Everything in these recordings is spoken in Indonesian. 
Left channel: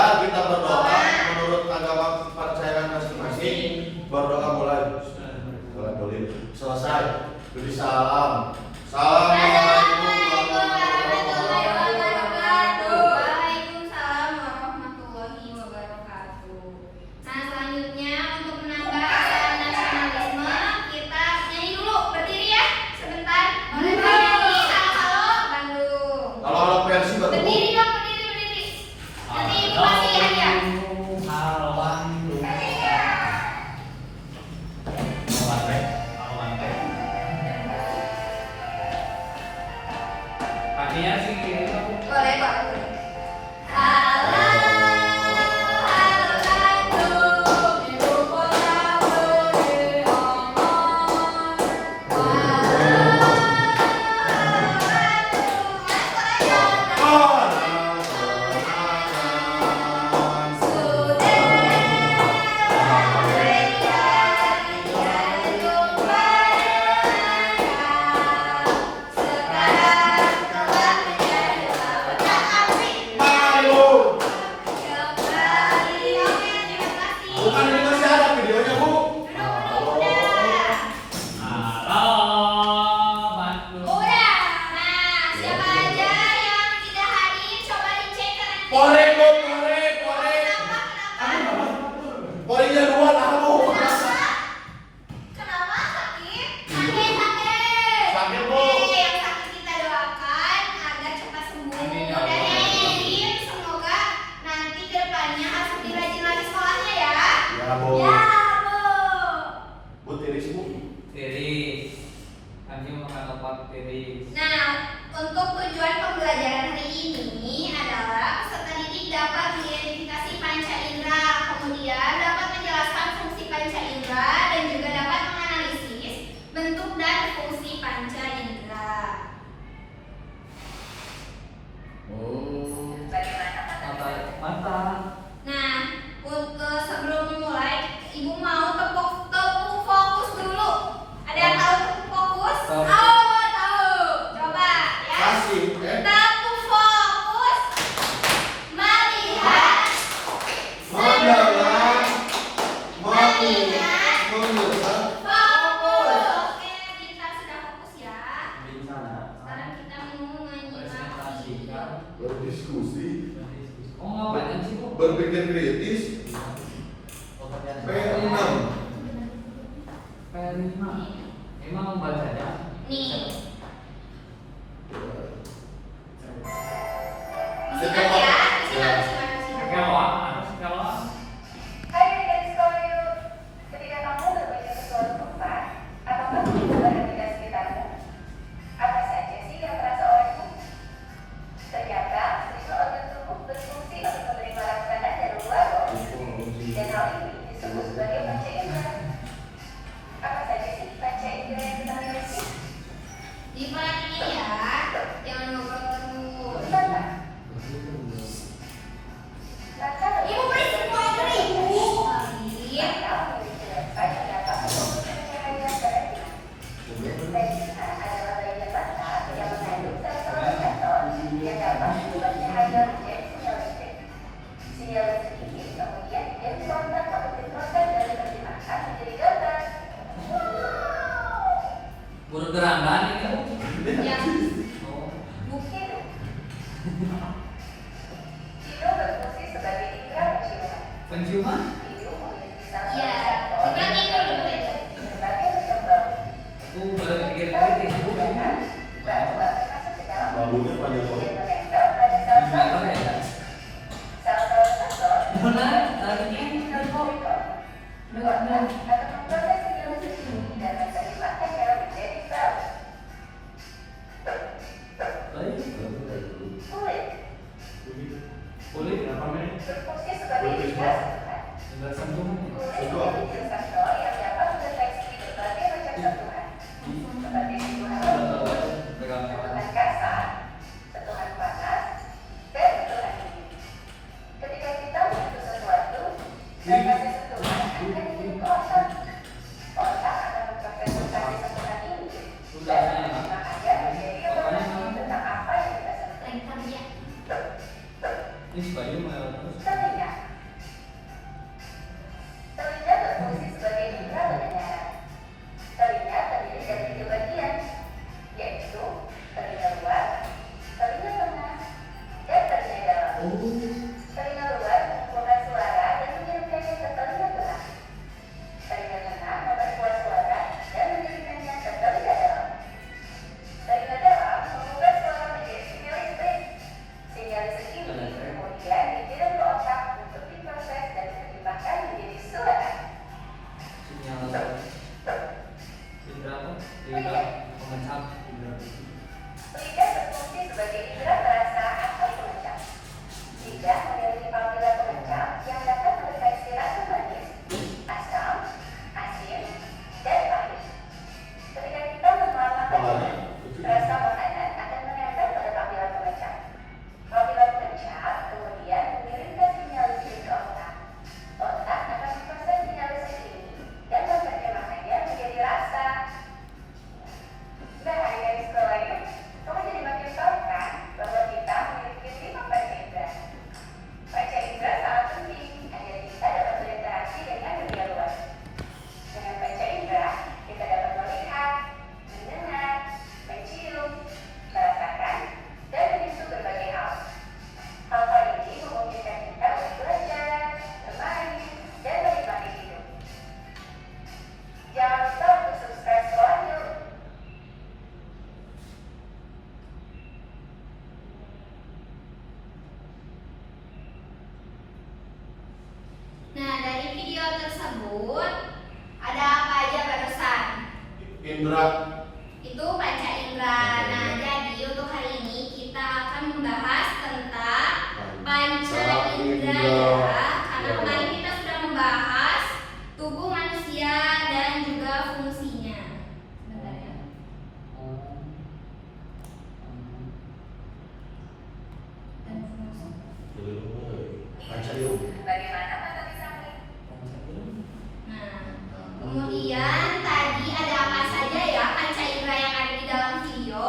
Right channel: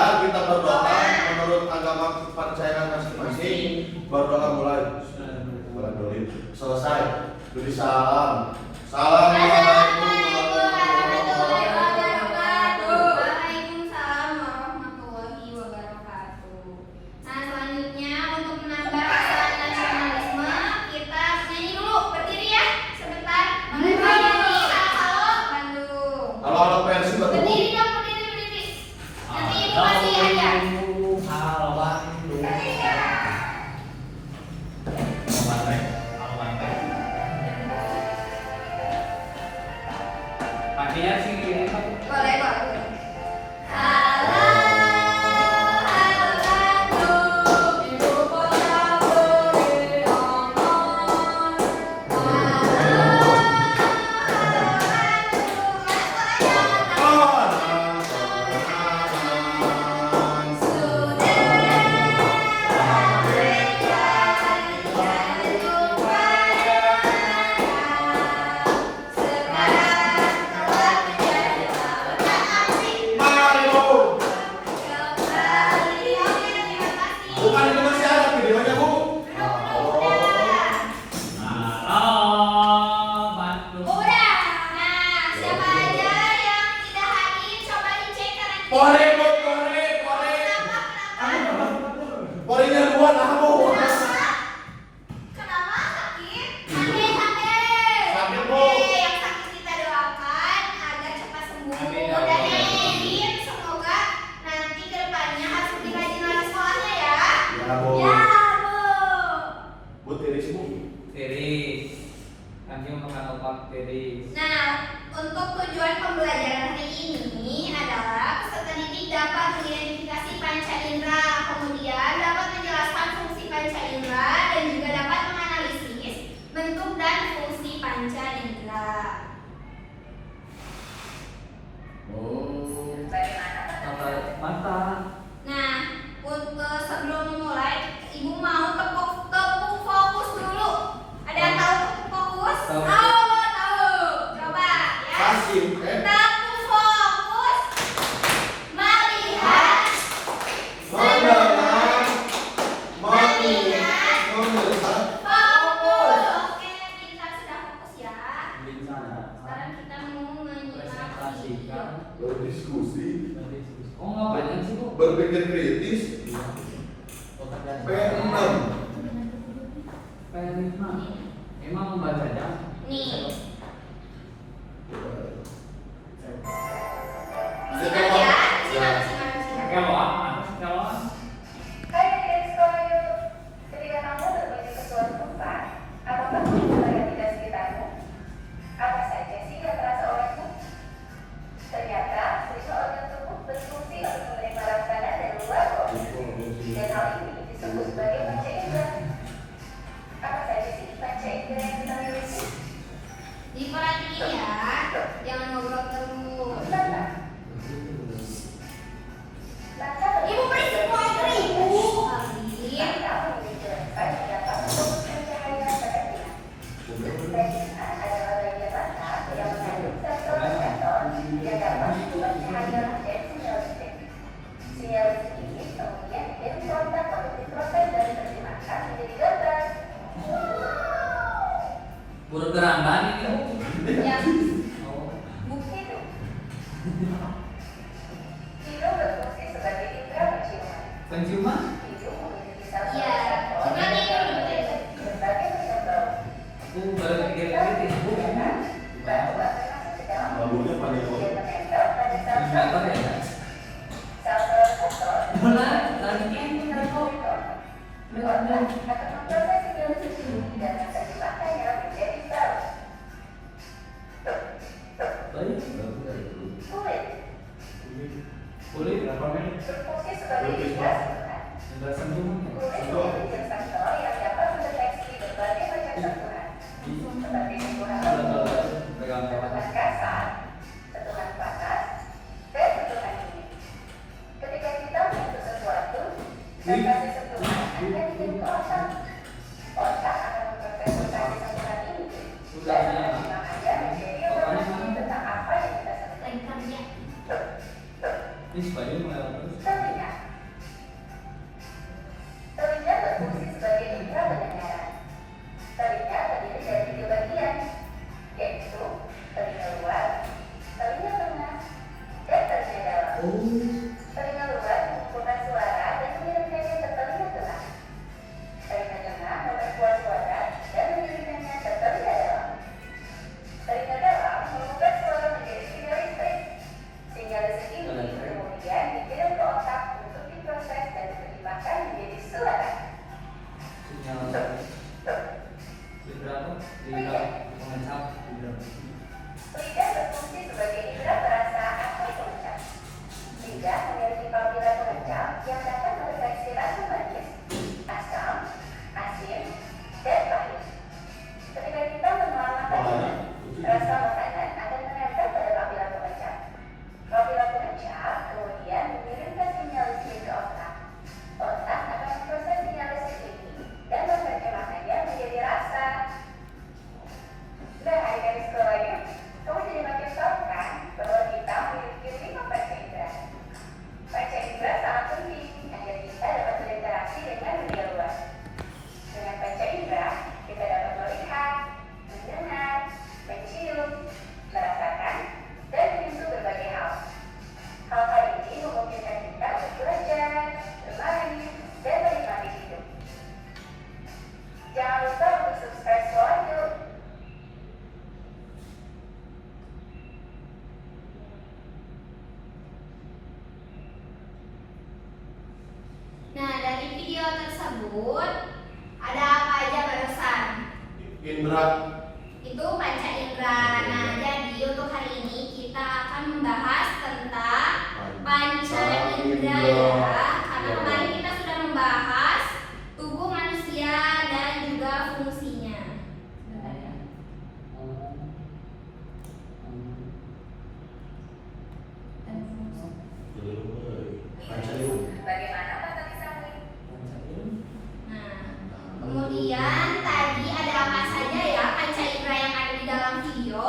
kita berdoa menurut agama kepercayaan masing-masing. Berdoa mulai. Selesai. Beri salam. Assalamualaikum warahmatullahi wabarakatuh. Waalaikumsalam warahmatullahi wabarakatuh. Nah, selanjutnya untuk menambah rasa nasionalisme, kita nyanyi dulu. Berdiri ya, sebentar. Boleh nyanyi halo Bandung. Kalau versi Berdiri dong, berdiri. Nanti ibu kasih hadiah. Halo Bandung. Hadiah sih ini aku. Boleh, Pak. Halo Bandung, ibu kota beriangan. bukan ini masih ada videonya, Bu. Halo Bandung. Udah, nah siapa aja yang tidak hadir coba dicek kanan kiri. Pore, Bu, pore. Porenya dua lah, Bu. Kenapa sakit? Sakit. Sakit, Bu. Oke, yang sakit kita doakan agar cepat sembuh. Dan yang ingin semoga nanti kedepannya harus lebih rajin lagi sekolahnya ya. Ya, Bu. Ya, Bu. Bu tiris, Bu. Tiris. Kami makan obat tiris. Nah, untuk tujuan pembelajaran hari ini adalah peserta didik dapat mengidentifikasi panca indera, kemudian dapat menjelaskan fungsi panca indera dan juga dapat menganalisis bentuk dan fungsi panca indera. Mata. Nah, untuk sebelum memulai, ibu mau tepuk fokus dulu. Ada yang tahu tepuk fokus? Tahu. Tahu. Coba ya. Kasih, Tepuk fokus. Melihat. mendengar, Melihat. melihat. Fokus. Oke, kita sudah fokus ya. Bicara. Sekarang kita mau menyimak video. Berdiskusi, Oh ngapain sih Bu? berpikir kritis. P6. P5. Emang membacanya? Nih. Silakan. Simak ya. Simak. Kalau kalau Hai adik-adik sekolah, ketika kamu berkunjung ke suatu tempat, apakah kamu memperhatikan sekitarmu? Apa saja sih yang terasa olehmu? Ternyata, semua organ tubuh berfungsi untuk menerima rakanan dari luar loh. Dan hal ini disebut sebagai panca indera. Apa saja sih panca indera yang kita miliki? Diperhatiin ya. Jangan ngobrol terus. Bentar. Maka Ibu berisik mau air ibu. Salim. mata memiliki lensa yang dapat memproduksi cahaya pada kita. Bagian adalah bagian mata yang mengandung sel-sel reseptor yang dapat membuat cahaya menjadi sinyal listrik. Sinyal listrik ini kemudian dikontak atau diproses dari versi mata menjadi gambar. bergerangan ini Bu. Ya. Oh. Bukti dong. Hidung berfungsi sebagai indera penciuman. Penciuman? Hidung memiliki sel-sel Iya. reseptor Sebenarnya itu yang udah betul. berbagai macam bau. Aku berpikir kritis Bu. Batu-batu masuk ke dalam Baunya panjang kemudian banget. menempel pada Meter sel-sel ya? sel-sel reseptor Benar, tadi sinyal koridor dikontak atau memproses sinyal listrik dan menerjemahkannya menjadi bau. baik. Kulit Kulit berfungsi sebagai indera sentuhan. enggak sentuhan. Kulit memiliki sensor yang dapat mendeteksi berbagai macam sentuhan, seperti sentuhan lembut, Pegang sentuhan kasar, sentuhan panas, dan sentuhan dingin. Ketika kita menyentuh sesuatu, sensasi sentuhan akan dikirim ke otak. Otak akan memproses sensasi sentuhan ini Sudah dan nyala. menerjemahkannya menjadi informasi tentang apa yang kita sentuh. Lagi kerja. Ini sebagai Telinga. Telinga berfungsi sebagai indera pendengaran. Telinga terdiri dari 3 bagian, yaitu telinga luar, telinga tengah, dan telinga dalam. Telinga luar mengumpulkan suara dan mengirimkannya ke telinga tengah. Telinga tengah memperkuat suara dan mengirimkannya ke telinga dalam. Telinga dalam mengubah suara menjadi sinyal listrik. Sinyal listrik ini kemudian dikirim ke otak untuk diproses dan diterjemahkan menjadi suara. Sinyal indra apa? Indra pengecap. Lidah berfungsi sebagai indera perasa atau pengecap. Lidah memiliki panggilan pengecap yang dapat mendeteksi rasa manis, asam, asin, dan pahit. Ketika kita menelan makanan, rasa makanan akan menempel pada panggilan pengecap. Panggilan pengecap kemudian mengirimkan sinyal listrik ke otak. Otak akan memproses sinyal listrik ini dan menerjemahkannya menjadi rasa. Nah, adik-adik sekolah yuk, kamu jadi makin tahu kan bahwa kita memiliki 5 panca indera. Panca indera sangat penting agar kita dapat berinteraksi dengan dunia luar. Dengan panca indera, kita dapat melihat, mendengar, mencium, merasakan, dan menyentuh berbagai hal. Hal-hal ini memungkinkan kita untuk belajar, bermain, dan menikmati hidup. Jangan lupa untuk subscribe sekolah yuk. Nah, dari video tersebut ada apa aja barusan? Indra. Itu panca indera. Nah, jadi untuk hari ini kita akan membahas tentang panca indera ya. Karena kemarin kita sudah membahas tubuh manusia dan juga fungsinya. Sebentar ya. Dan fungsi. Panca indera. Bagaimana mata bisa melihat? Nah, kemudian tadi ada apa saja ya panca indera yang ada di dalam video?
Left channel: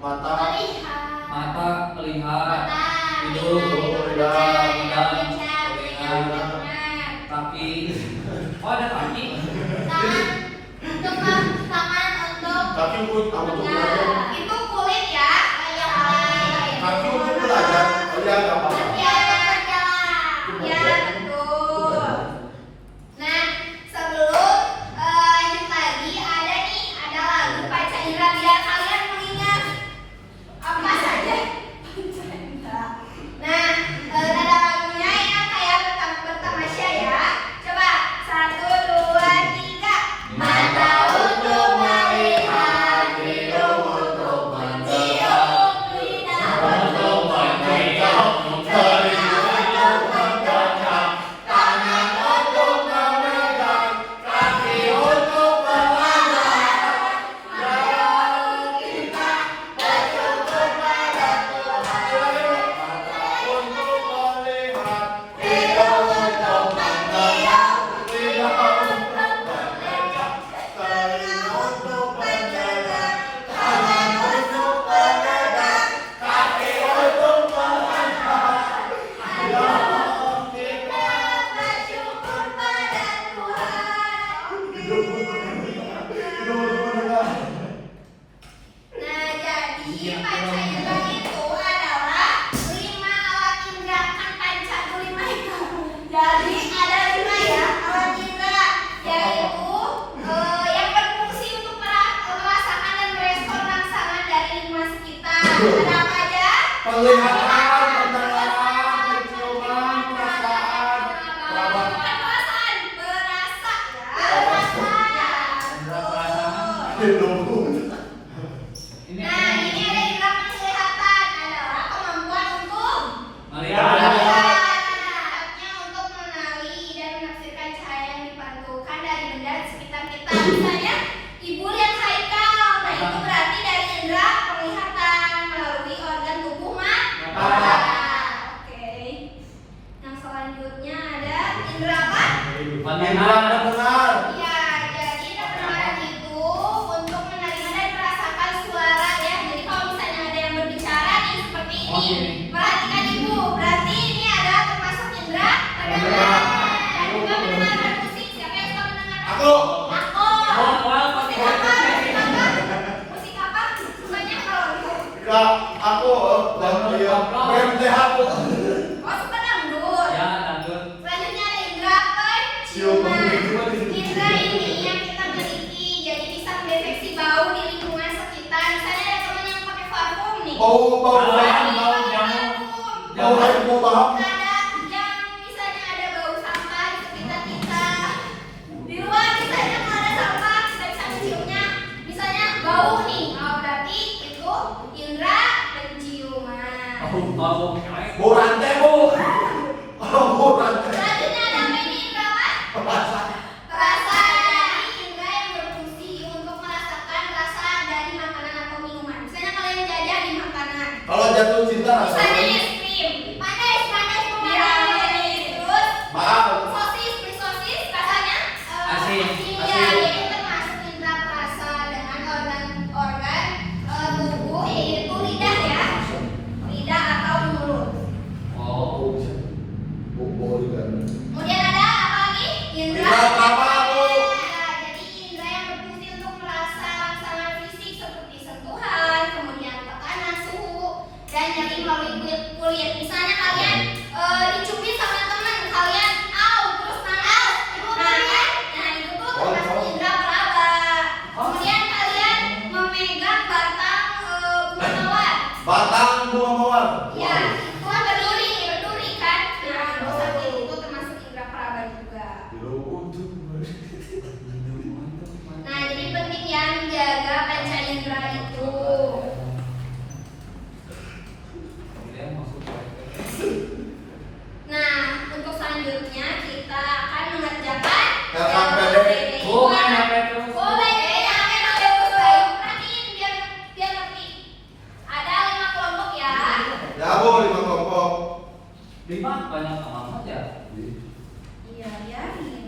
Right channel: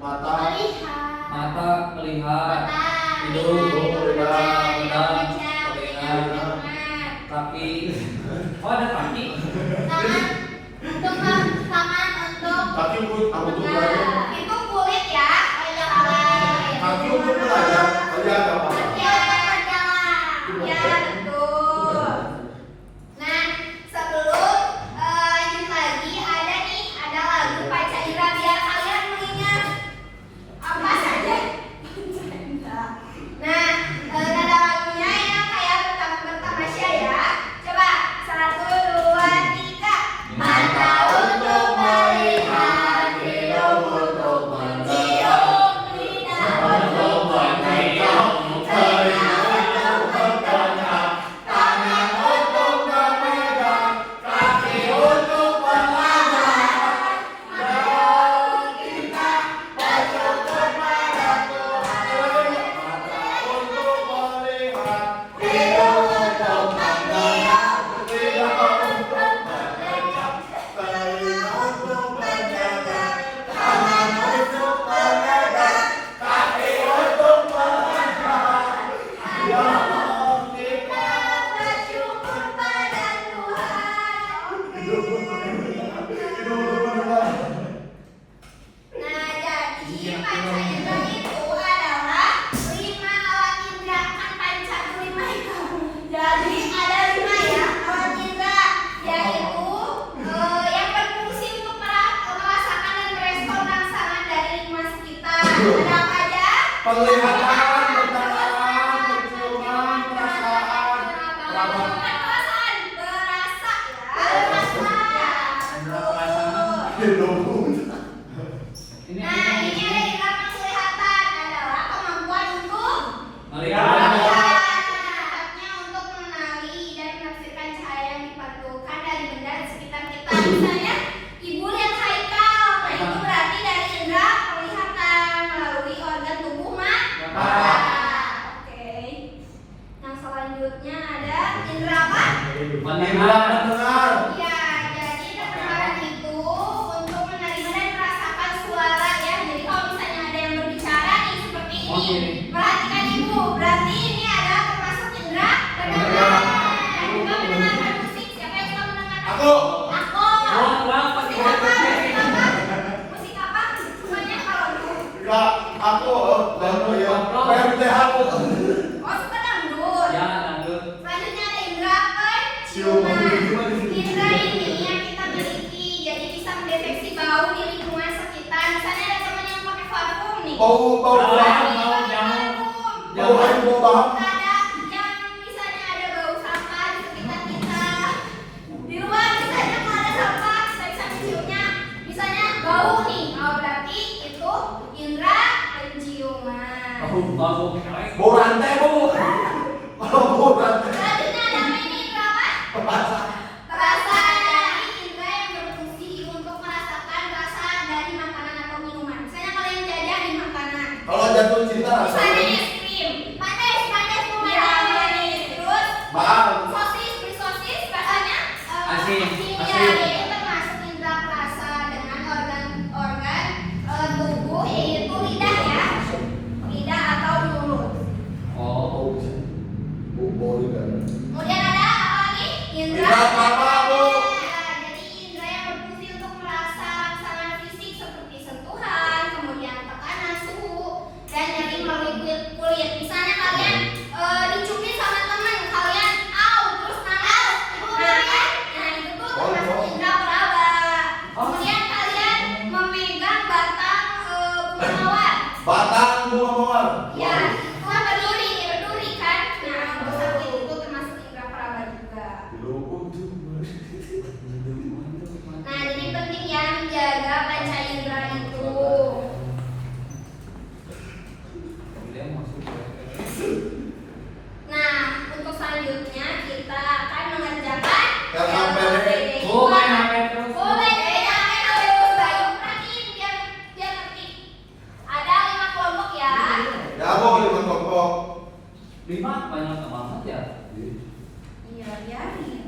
Mata. Melihat. Mata melihat, Mata, hidung melihat, melihat, melihat, telinga, melihat. kaki. Oh ada kaki. Tangan untuk Kaki untuk ya, belajar. itu kulit ya. Oh iya, kulit. Kaki untuk belajar. Belajar apa? Ya, ya, betul. Nah, sebelum lanjut lagi ada lagu panca indera biar kalian mengingat apa saja panca indera. Nah, ada lagunya ya kayak pertama-tamasya ya. Coba 1, 2, 3. Mata untuk melihat, hidung untuk mencium, lidah untuk mencium, telinga untuk mendengar, tangan untuk memegang, kaki untuk melangkah. Mari kita bersyukur pada Tuhan. Untuk melihat. Hidung untuk mendiam, Lidah untuk mendengar, telinga untuk mendengar. tangan untuk memegang, Kaki untuk melangkah. ayo kita bersyukur pada Tuhan. Nah, jadi panca indera itu adalah 5 alat indera. Kan panca itu 5 itu. Jadi ada 5 ya alat indera, yaitu yang berfungsi untuk merasakan dan merespon rangsangan dari lingkungan sekitar. Ada apa aja? Penglihatan, pencernaan, penciuman, perasaan. Bukan perasaan, berasa ya. Berasa. Hidung. Ini Nah, ini ada indera penglihatan adalah kemampuan untuk melihat. Alatnya untuk mengenali dan menafsirkan cahaya yang dipantulkan dari benda di sekitar kita. Misalnya, ibu lihat Haikal. Nah, itu berarti dari indera penglihatan melalui organ tubuh mata. Oke. Yang selanjutnya ada indera apa? Indra mendengar. Ya, jadi indera pendengaran itu untuk menerima dan merasakan suara ya. Jadi kalau misalnya ada yang berbicara nih seperti ini, Oke. perhatikan ibu. Berarti ini ada termasuk ciuman. Indra ini yang kita miliki, jadi bisa mendeteksi bau di lingkungan sekitar. Misalnya ada teman yang pakai parfum nih. Bau Bau bahang. Kadang yang misalnya ada bau sampah di sekitar kita. Di luar misalnya kalau ada sampah, kita bisa menciumnya. Misalnya bau nih, oh berarti itu indra penciuman. Bau rantai, Bu. Bau rantai. Selanjutnya ada apa ini indra apa? Rasa. Jadi indra yang berfungsi untuk merasakan rasa dari makanan atau minuman. Misalnya kalian jajan di makanan. Kalau jatuh cinta Misalnya rasanya. es krim, panas kemarin. Terus Maaf. sosis, beli sosis rasanya Asin. Ya, itu termasuk indra perasa dengan organ tubuh yaitu lidah ya, lidah atau mulut. Oh, Bau juga. Kemudian ada apa lagi? Indra Indra peraba, Bu. Jadi indra yang berfungsi untuk merasa rangsangan fisik seperti sentuhan, kemudian tekanan, suhu, dan nyeri melalui kulit. Misalnya kalian dicubit sama teman kalian, terus nangis. Nah itu tuh termasuk indra peraba. Kemudian kalian memegang batang bunga mawar. Batang bunga mawar. Ya, itu kan berduri kan? Nah, itu sakit itu termasuk indra peraba juga. Nah, jadi penting ya menjaga panca indera itu. Nah, untuk selanjutnya kita akan mengerjakan LKPD. Oh, main HP terus. Oh, baik, ya, terus baik. Perhatiin biar ngerti. Ada 5 kelompok ya. Ya, Bu, 5 kelompok. 5 banyak amat ya. Iya, biarin.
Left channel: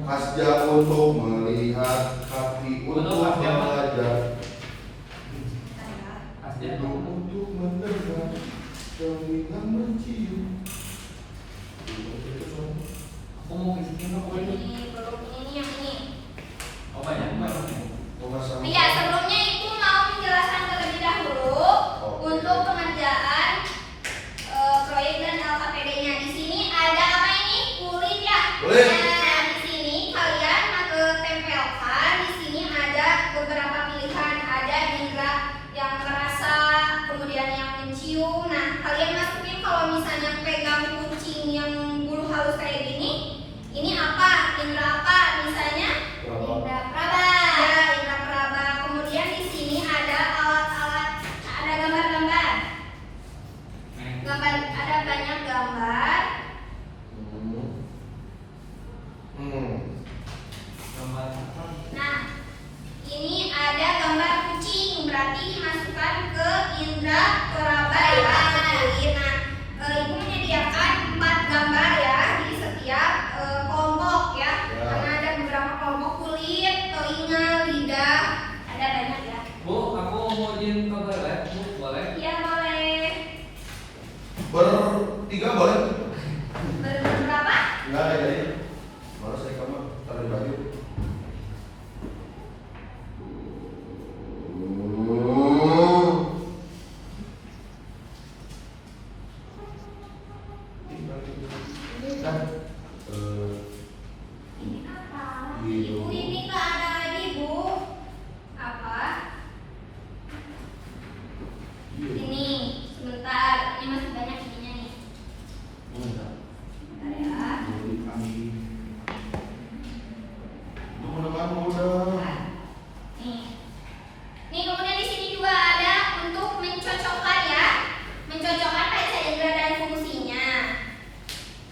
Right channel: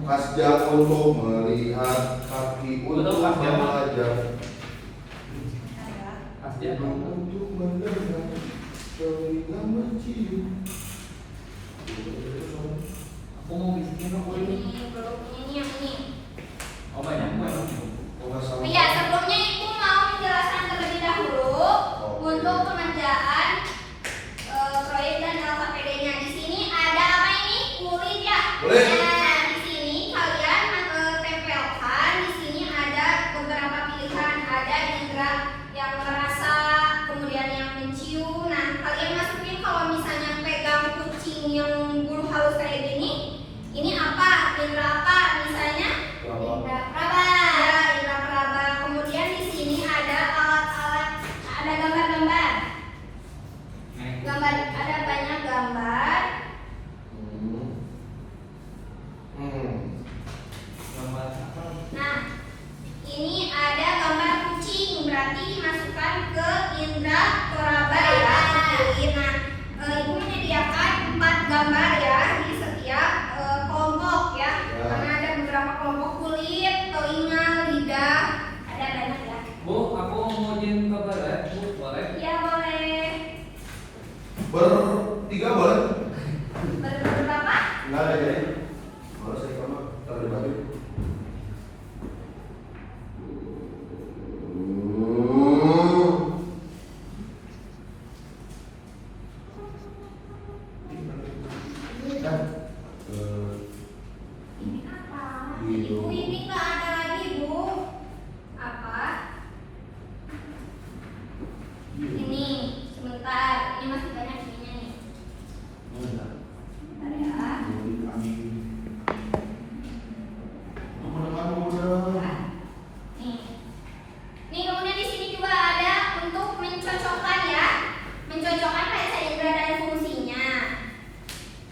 Kasjam untuk melihat, kaki untuk Betul, Kasjam. belajar, Kasih untuk mendengar, telinga mencium. aku mau bisikin apa ini? Ini belum ini yang ini. Oh banyak banyak. Iya, sebelumnya Ibu mau menjelaskan terlebih dahulu untuk pengerjaan proyek dan LKPD-nya. Di sini ada apa ini? Kulit ya. Kulit. Nah, di sini kalian tempelkan. Di sini ada beberapa pilihan. Ada indra yang merasa, kemudian yang mencium. Nah, kalian masukin kalau misalnya pegang kucing yang bulu halus kayak gini, ini apa? Indra apa? Misalnya indra peraba. Ya, indra peraba. Kemudian di sini ada alat-alat, ada gambar-gambar. Gambar, ada banyak gambar. Nah, ini ada gambar kucing, berarti dimasukkan ke indra peraba ya. Nah, Ibu menyediakan 4 gambar ya di setiap kelompok ya. Karena ada beberapa kelompok kulit, telinga, lidah, ada banyak ya. Bu, aku mau izin kabar ya. Bu, boleh? Iya boleh. Bertiga boleh? Berapa? Enggak ada jadi. Kalau saya kamar taruh di baju. Ini apa? Gitu. Ibu ini nggak ada lagi Bu. Apa? Ini sebentar. Ini masih banyak ininya nih. Bentar ya. Teman-teman muda. Nih. Nih kemudian di sini juga ada untuk mencocokkan ya. Mencocokkan panca indera dan fungsinya.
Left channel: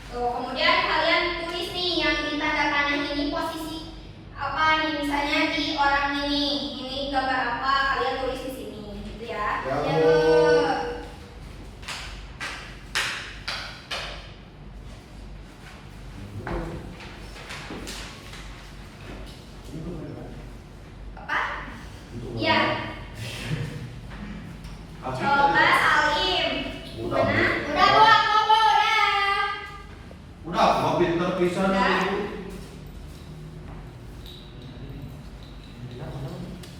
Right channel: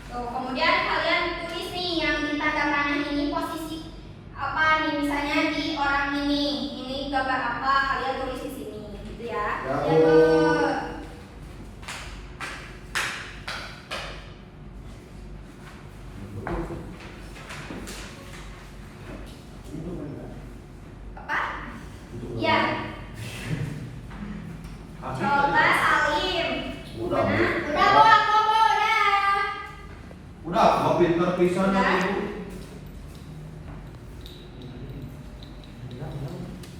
Tuh, kemudian kalian tulis nih yang di tanda panah ini posisi apa nih, misalnya di orang ini gambar apa, kalian tulis di sini gitu ya. Ya, Yang Bu. apa? Ya. Coba Salim. Udah. Mana? Udah Bu, aku Bu, udah. Udah, mau pinter pisan Udah. Ibu.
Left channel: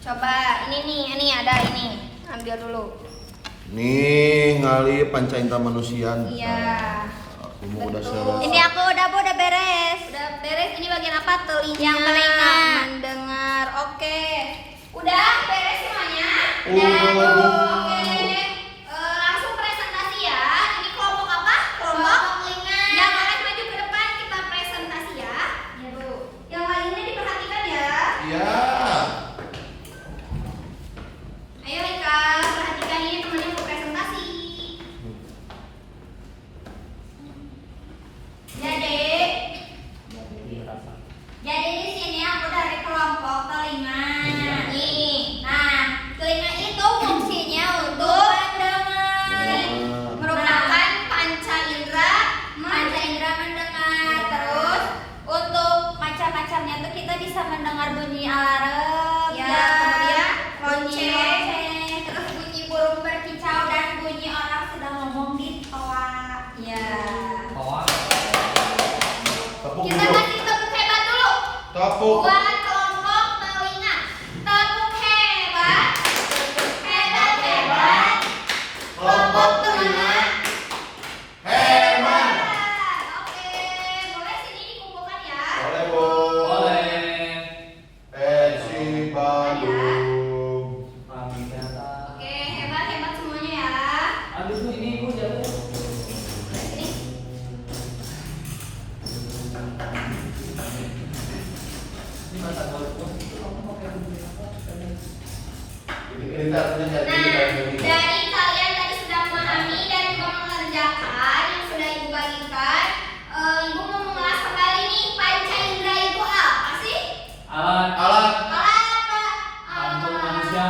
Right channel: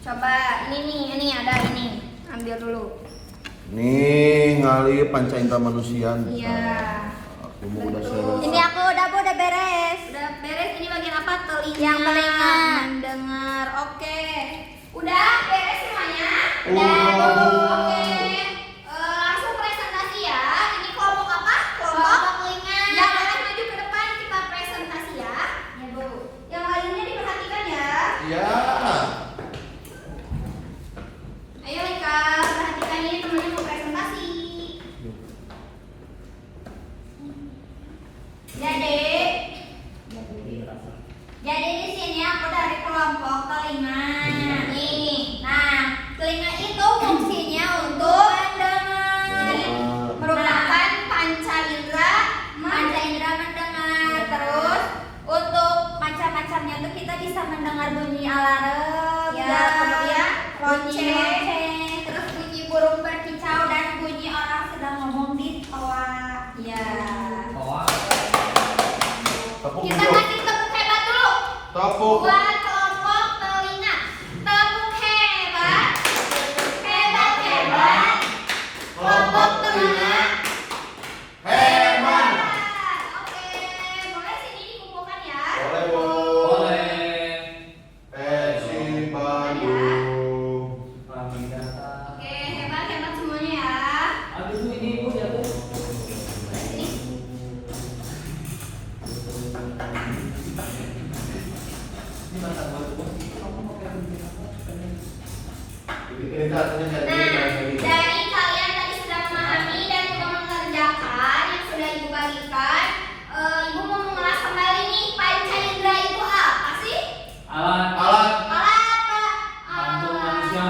Coba ini ada ini. Ambil dulu. Nih, ngali panca indera manusia. Iya. Udah beres. Ini aku udah beres. Udah beres. Ini bagian apa? Telinga. Yang telinga. Mendengar. Oke. Udah beres semuanya? Udah. Oke. Langsung presentasi ya. Ini kelompok apa? Kelompok telinga. Ya, boleh maju ke depan kita presentasi ya. Ya, Bu. Yang lainnya diperhatikan ya. Iya. Ayo Rika, perhatikan ini temannya mau presentasi. Jadi di sini aku dari kelompok telinga. Nih, nah telinga itu fungsinya untuk mendengar, merupakan panca indera mendengar. Terus untuk macam-macamnya tuh kita bisa mendengar bunyi alarm, Ya, kemudian lonceng, terus bunyi burung berkicau dan bunyi orang sedang ngomong di toa. Ya. Bawah. Tepuk Kita dulu. kasih tepuk hebat dulu Tepuk. buat kelompok telinga. Tepuk hebat, hebat hebat. Kelompok telinga. Herman. Oke, boleh sini dikumpulkan ya. Boleh, Bu. Boleh. Pensi Bandung. Kami data. Oke, hebat hebat semuanya ya. Abis itu ini Bu ya Bu. Sini. Ini bahasa baru Bu. Kamu mau kayak begini apa? Ini satunya Nah, dari kalian tadi sudah memahami dan juga mengerjakan yang sudah Ibu bagikan. Ibu mau mengulas kembali nih, panca indera itu apa sih? Alat Alat. Alat apa? bantu manusia.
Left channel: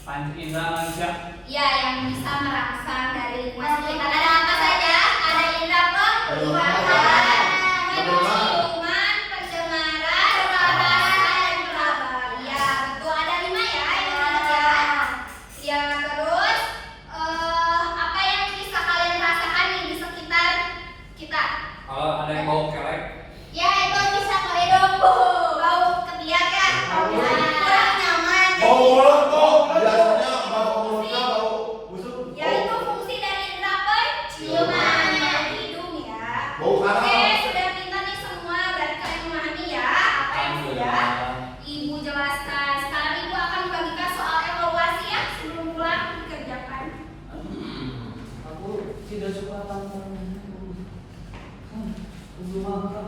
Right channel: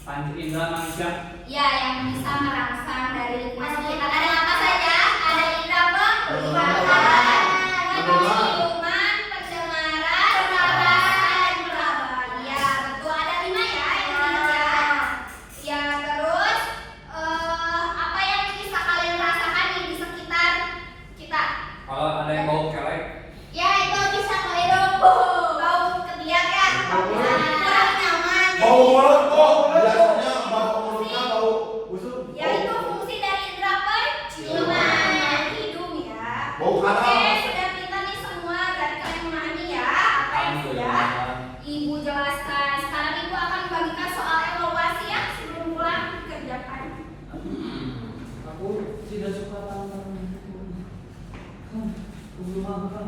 Panca indera manusia. Ya, yang bisa merangsang dari lingkungan sekitar. Ada apa saja? Ada indera penglihatan, penciuman, pendengaran, perasaan, dan peraba. Ya, betul. Ada 5 ya, yang ingat ya. Ya, terus apa yang bisa kalian rasakan nih di sekitar kita? Kalau ada yang bau kelek, Ya, itu bisa kalian bau ketiak ya. Kurang nyaman. Bau mulut, Bu. Biasanya bau mulutnya bau busuk. Ya, itu fungsi dari indera penciuman dari hidung ya. Bau Oke, karam. sudah pintar nih semua. Berarti kalian memahami ya apa yang sudah Ibu jelaskan. Sekarang Ibu akan membagikan soal evaluasi ya sebelum pulang dikerjakan. aku tidak suka tantangan itu. Belum makan.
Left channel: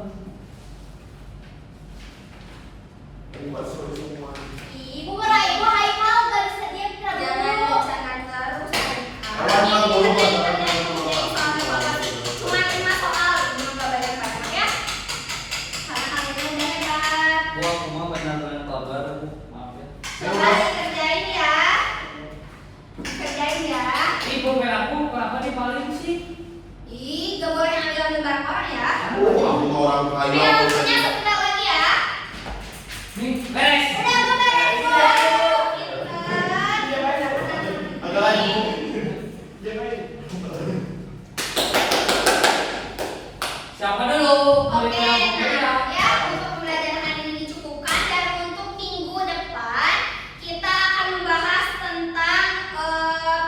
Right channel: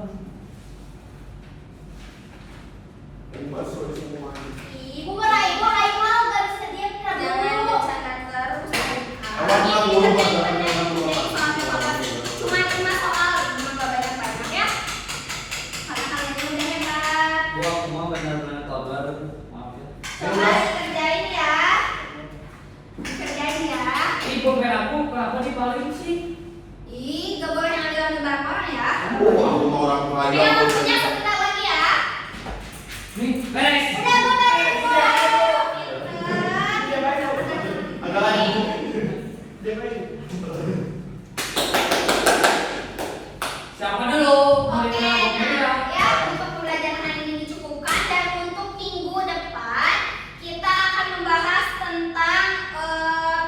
Ini masuk semua. Ibu Raimel gak bisa diam Jangan dulu. bicara terus. Awan, dulu, Pak. Jangan dulu, Pak. Cuma 5 soal, cuma gak banyak-banyak ya. Karena kalian udah hebat. Bu, aku mau benar-benar kabar. Maaf ya. Coba dikerjain ya. Kerjain ya. Ini pulpen aku kenapa dibalik sih? Ih, gak boleh ngambil barang orang ya. Aku orang kaya. Ayo waktunya sebentar lagi ya. Nih, beres. Udah beres. Agak lagi. Siapa dulu? Oke, Mulai nah ya untuk pembelajaran hari ini dicukupkan dan untuk minggu depan kita akan membahas tentang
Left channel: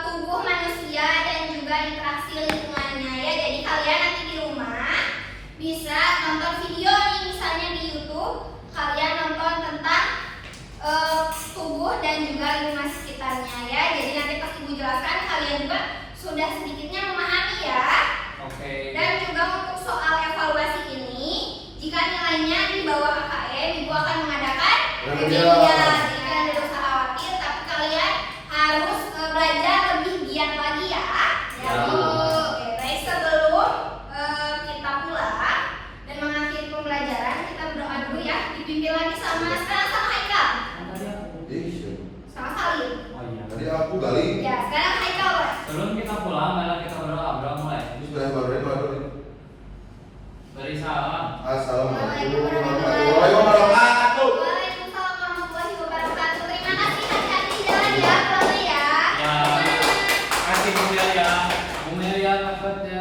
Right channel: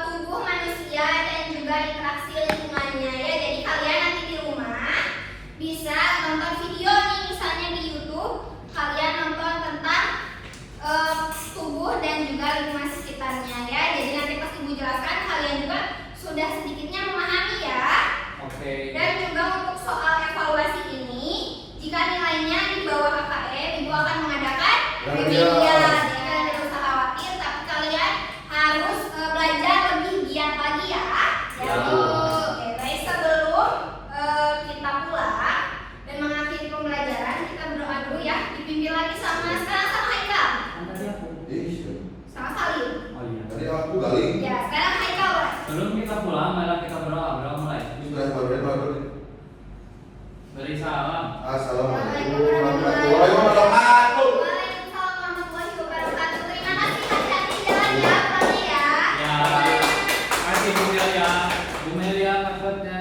tubuh manusia dan juga interaksi lingkungannya ya. Jadi kalian nanti di rumah bisa nonton video nih misalnya di YouTube, kalian nonton tentang tubuh dan juga lingkungan sekitarnya ya. Jadi nanti pas Ibu jelaskan kalian juga sudah sedikitnya memahami ya. Oke. Dan juga untuk soal evaluasi ini, jika nilainya di bawah KKM, Ibu akan mengadakan remedial. Jadi kalian tidak usah khawatir, tapi kalian harus belajar lebih giat lagi ya. Ya. Oke, baik sebelum kita pulang dan mengakhiri pembelajaran, kita berdoa dulu ya. Dipimpin lagi sama Haikal, Tadi aku. sama Salim. Oh iya. Tadi aku kali. Ya, sekarang Haikal. Sebelum kita pulang, malah kita berdoa mulai. Sudah baru. Beri salam. Assalamualaikum warahmatullahi wabarakatuh. Waalaikumsalam warahmatullahi wabarakatuh. Terima kasih hati-hati di jalan ya, pulangnya ya. Ya. Kasih Bu Melia. Bu Melia, maksudnya.